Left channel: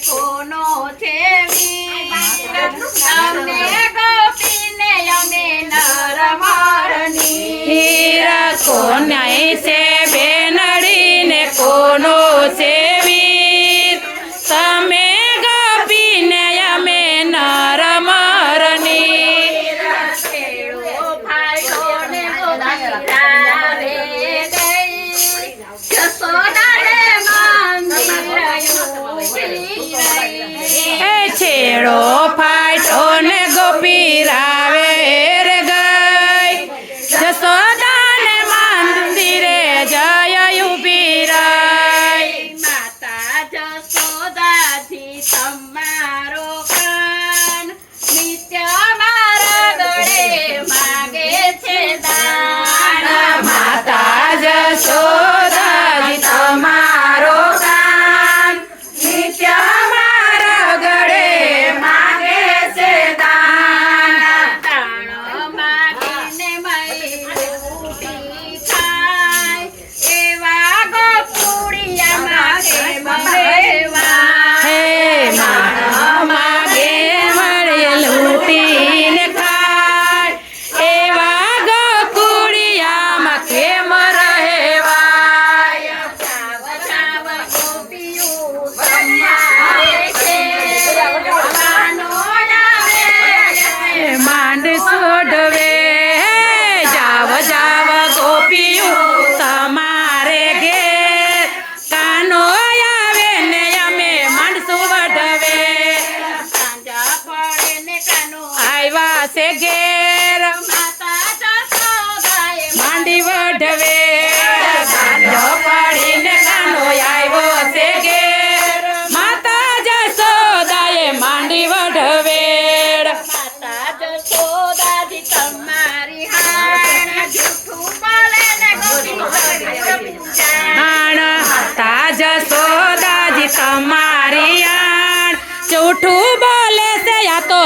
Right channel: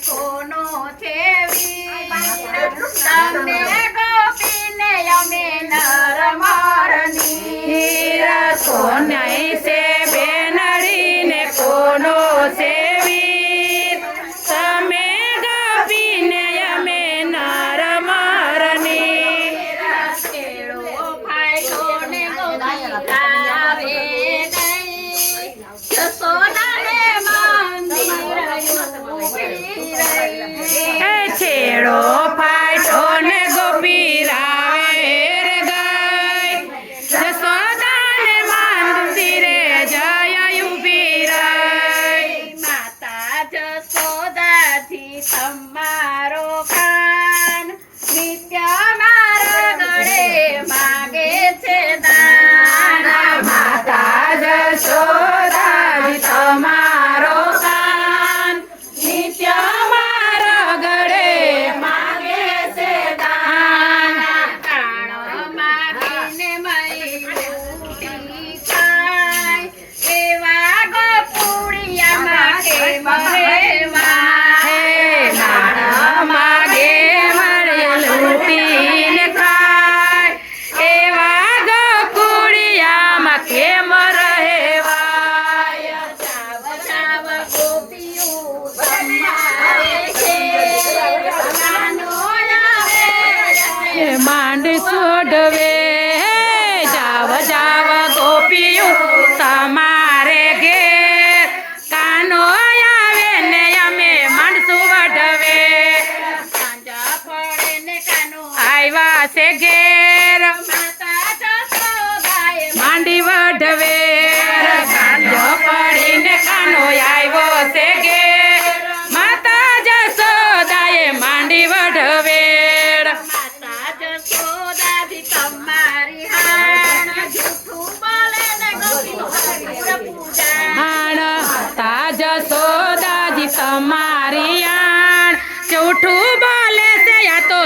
કોનો છે વીર? কবিরা સોડવે જાવ જાવ ગોપીયું તમારે ઘેર. કાનો આવે ને અમે માણસો વઢવે. આવ્યા છે ઘેર.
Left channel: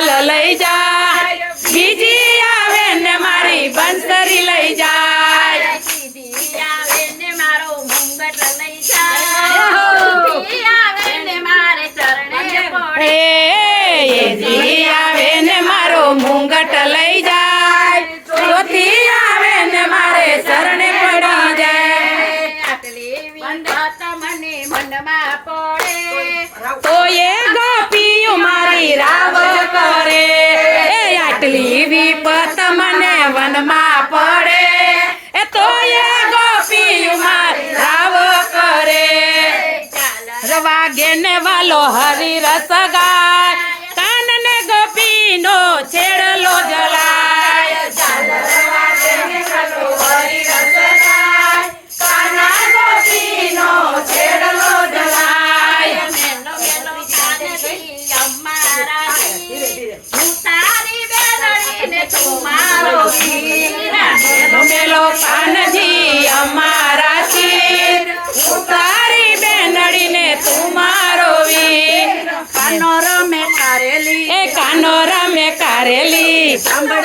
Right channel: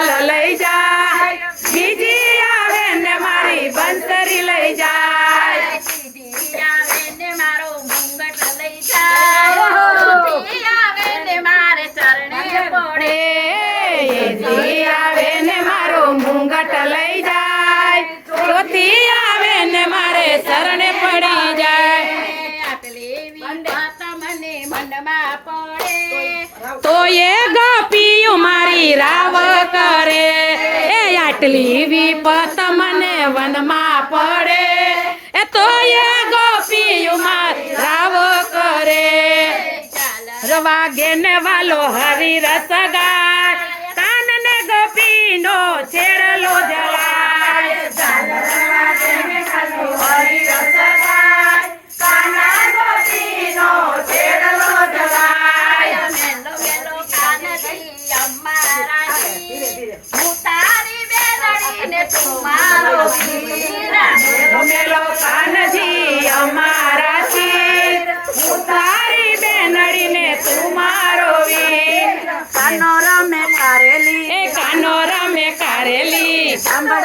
la la વિપત મને વનમાં પડે. એ તો એ ગોપીયું મારી રાવ કરે. રવાગે ને વાલો હરી રસ ગાય. કાન ને ગોપીનો છેડલો જલાય મેલો કાનજી કારેલી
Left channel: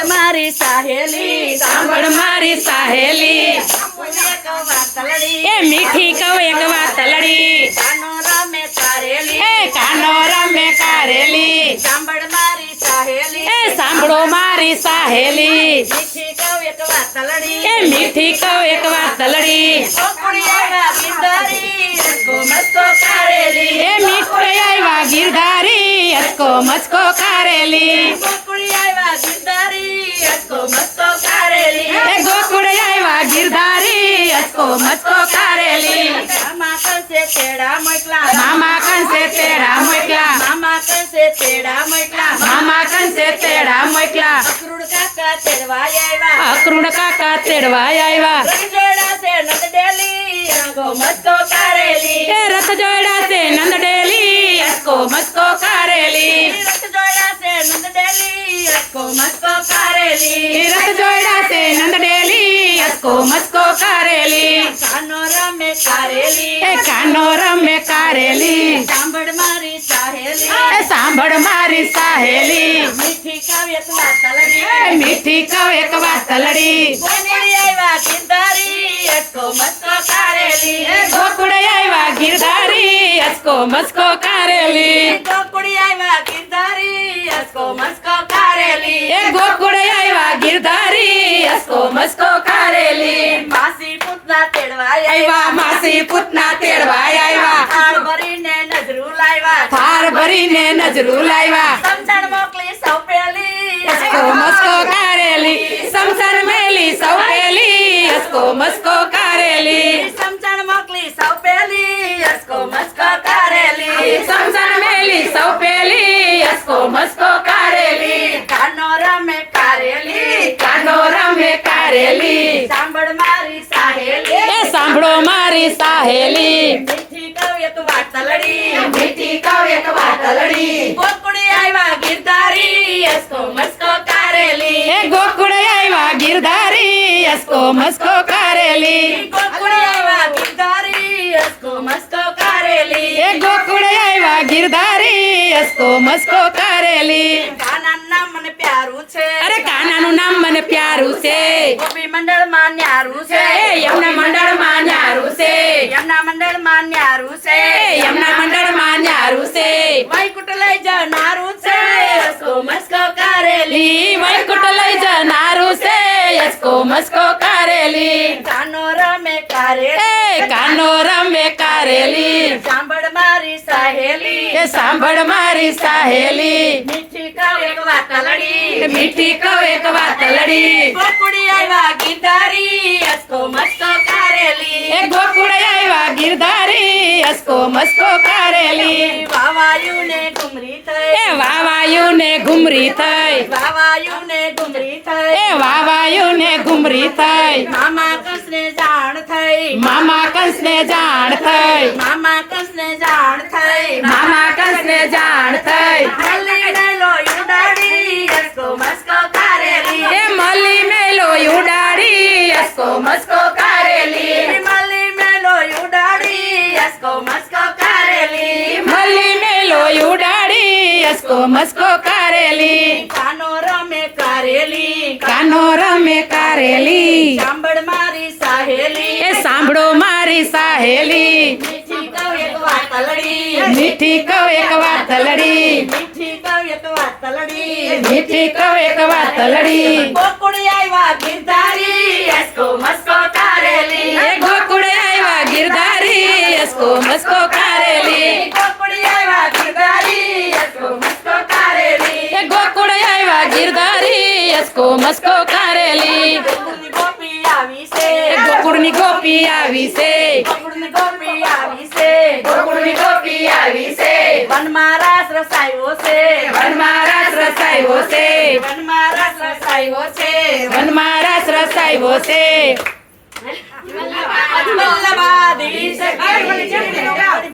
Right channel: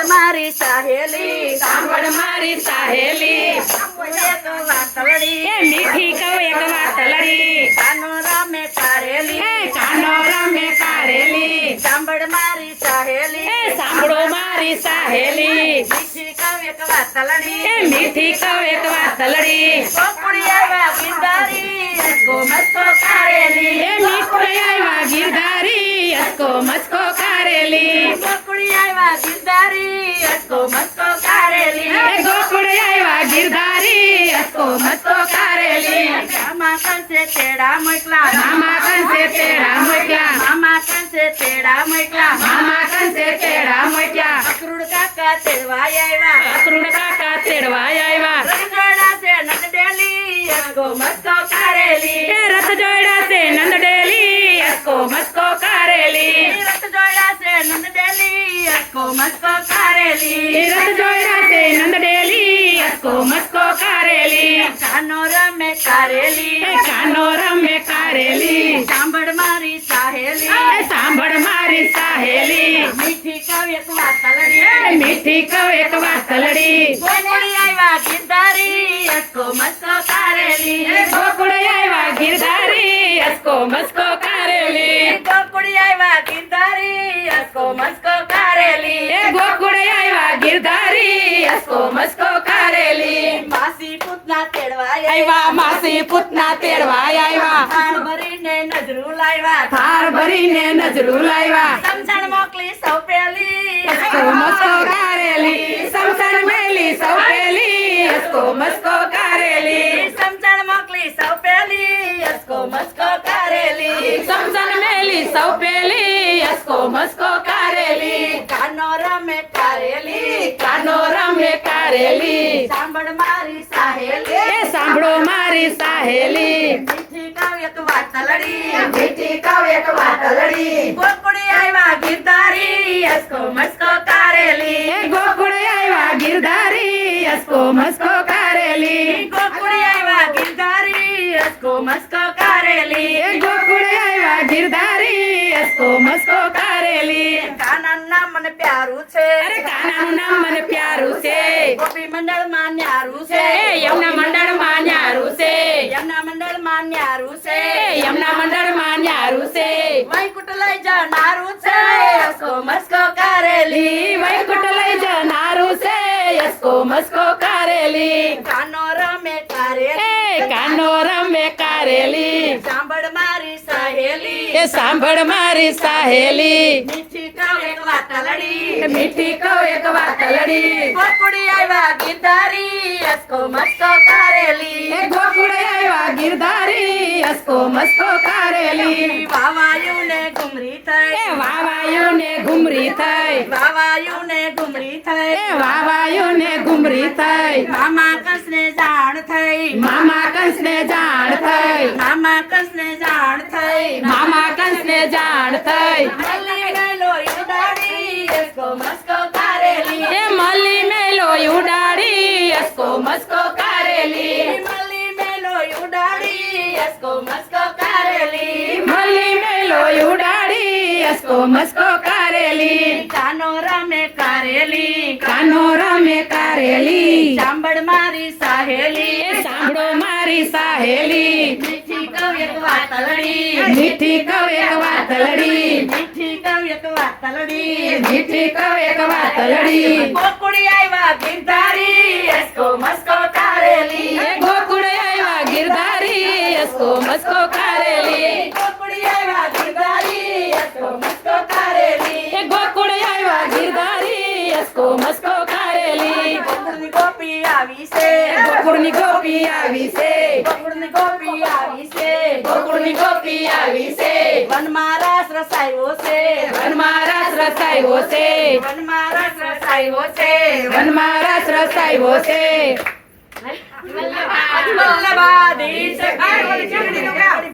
મારી સાહેલી મારી સાહેલી મીઠી તલડી. એ મીઠી કહો એક વાત તલડી કોકુડિયા ગીરધારી અસકો મસ્કો કારેલી. એ મીઠિયા ગીરધારી અસકો મસ્કો કારેલી. કોકુડિયા ગીરધારી અસકો મસ્કો કારેલી. એ ગોકુડિયા ગીરધારી અસકો મસ્કો કારેલી. મામા કંસે તેડા મોકલા. મામા કંસે તેડા મોકલા. મામા તેડા મોકલા. મામા કંસે તેડા મોકલા. અક્રૂડ કાકા તેડવા આવ્યા અક્રૂડ કાકા તેડવા આવ્યા રંગજોડા છે નંદ ડેલી યસકો મસ્કો કારેલી. એ રથ જોડા છે નંદ ડેલી યસકો મસ્કો કારેલી. રથ જોડા છે નંદ ડેલી યસકો મસ્કો કારેલી. मस्को करेली। कानोरा में करेली। कानोरा में करेली। सांभड़ मारी सहेली। सांभड़ मारी सहेली। मीठी कव एक वातलड़ी। मीठी कव एक वातलड़ी। गोकुड़ी आईवा गिरधारी इसको मस्को करेली। गोकुड़ी आईवा गिरधारी યસકો મસ્કો કારેલી. ગોકુડી આવ્યા ગીરધારી યસકો મસ્કો કારેલી. એ ગોકુડી આવ્યા ગીરધારી યસકો મસ્કો કારેલી. માસી પૂતના તેડવા આવ્યા માસી પૂતના તેડવા આવ્યા થાર ભરીને નજરું લાવ્યા થાર ભરીને નજરું લાવ્યા સમજણ મોકલી સૌ પેલી. યસકો મસ્કો કારેલી. સમસન મેલી સૌ પેલી યસકો મસ્કો કારેલી સમજણ મોકલી સૌ પેલી યસકો મસ્કો કારેલી સમસન મેલી સૌ પેલી યસકો મસ્કો કારેલી કાનો રમે કારેલી કાનો રમે કારેલી સાંભળ મારી સાહેલી એ સાંભળો મારી સાહેલી મીઠી કવિયત વાતલડી મીઠી કવ એક વાતલડી ગોકુળી આવ્યા ગીરધારી યસકો મસ્કો કારેલી એ ગોકુળે આવ્યા ગિરધારી મસ્કો કારેલી ગોકુળી આવ્યા ગીરધારી યસકો મસ્કો કારેલી એ ગોકુળે આવ્યા ગિરધારી યસકો મસ્કો કારેલી કાના નામ મને પ્યારું છે અરે કાનાનું નામ મને પ્યારું છે ગોપી મંડળમાં ન્યારું છે યમના મંડળ મંડળમાં ન્યારું છે યમના મંડળમાં ન્યારું છે યમના મંડળમાં ન્યારું છે વૈકુટ લઈ જનારું છે યસકો મસ્કો કારેલી વૈકુટ લઈ જનારું છે યસકો મસ્કો કારેલી. કાનો રમે કારેલી. એ કાનો રમે કારેલી. સાંભળ મારી સાહેલી. એ સાંભળ મારી સાહેલી. વાતલડી મીઠી કવ એક વાતલડી ગોકુળી આવ્યા ગીરધારી યસકો મસ્કો કારેલી એ ગોકુળે આવ્યા ગિરધારી યસકો મસ્કો કારેલી વાવાયુ ને ઘુમરી એ થઈ વાવાયુ ને ઘુમરી થઈ વાવાયુ ને ઘુમરી થઈ એ વાવાયુ ને ઘુમરી થઈ મામા કંસ ને જાણ થઈ મામા કંસ ને જાણ થઈ મામા કંસ ને જાણ થઈ મામા કંસ ને જાણ થઈ યસકો મસ્કો કારેલી મલ્લી ને લોહી ઉડાડી યસકો મસ્કો કારેલી મલી મેલો ઉડાડી યસકો મસ્કો કારેલી કાનો રમે કારેલી કાનો રમે કારેલી સાંભળ મારી સાહેલી એ સાંભળો મારી સાહેલી મીઠી કવ એક વાતલડી મીઠી કવ એક વાતલડી મીઠી કવ એક વાતલડી મીઠી કવ એક વાતલડી ગોકુળી આવ્યા ગીરધારી यसको मस्को कारेली। गोकुडे आइवा गिरधारी यसको मस्को कारेली। गोकुडे आइवा गिरधारी यसको मस्को कारेली। गोकुडे आइवा गिरधारी यसको मस्को कारेली। આવી છે ગોકુળની ગોપી આવી છે ગોકુળની ગોપી આવી છે ગોકુળની ગોપી આવી છે. વનમાં રાસ રસાયો છે. વનમાં રાસ રસાયો છે. વનમાં રાસ રસાયો છે. વનમાં રાસ રસાયો છે. વલ્લભાધીશ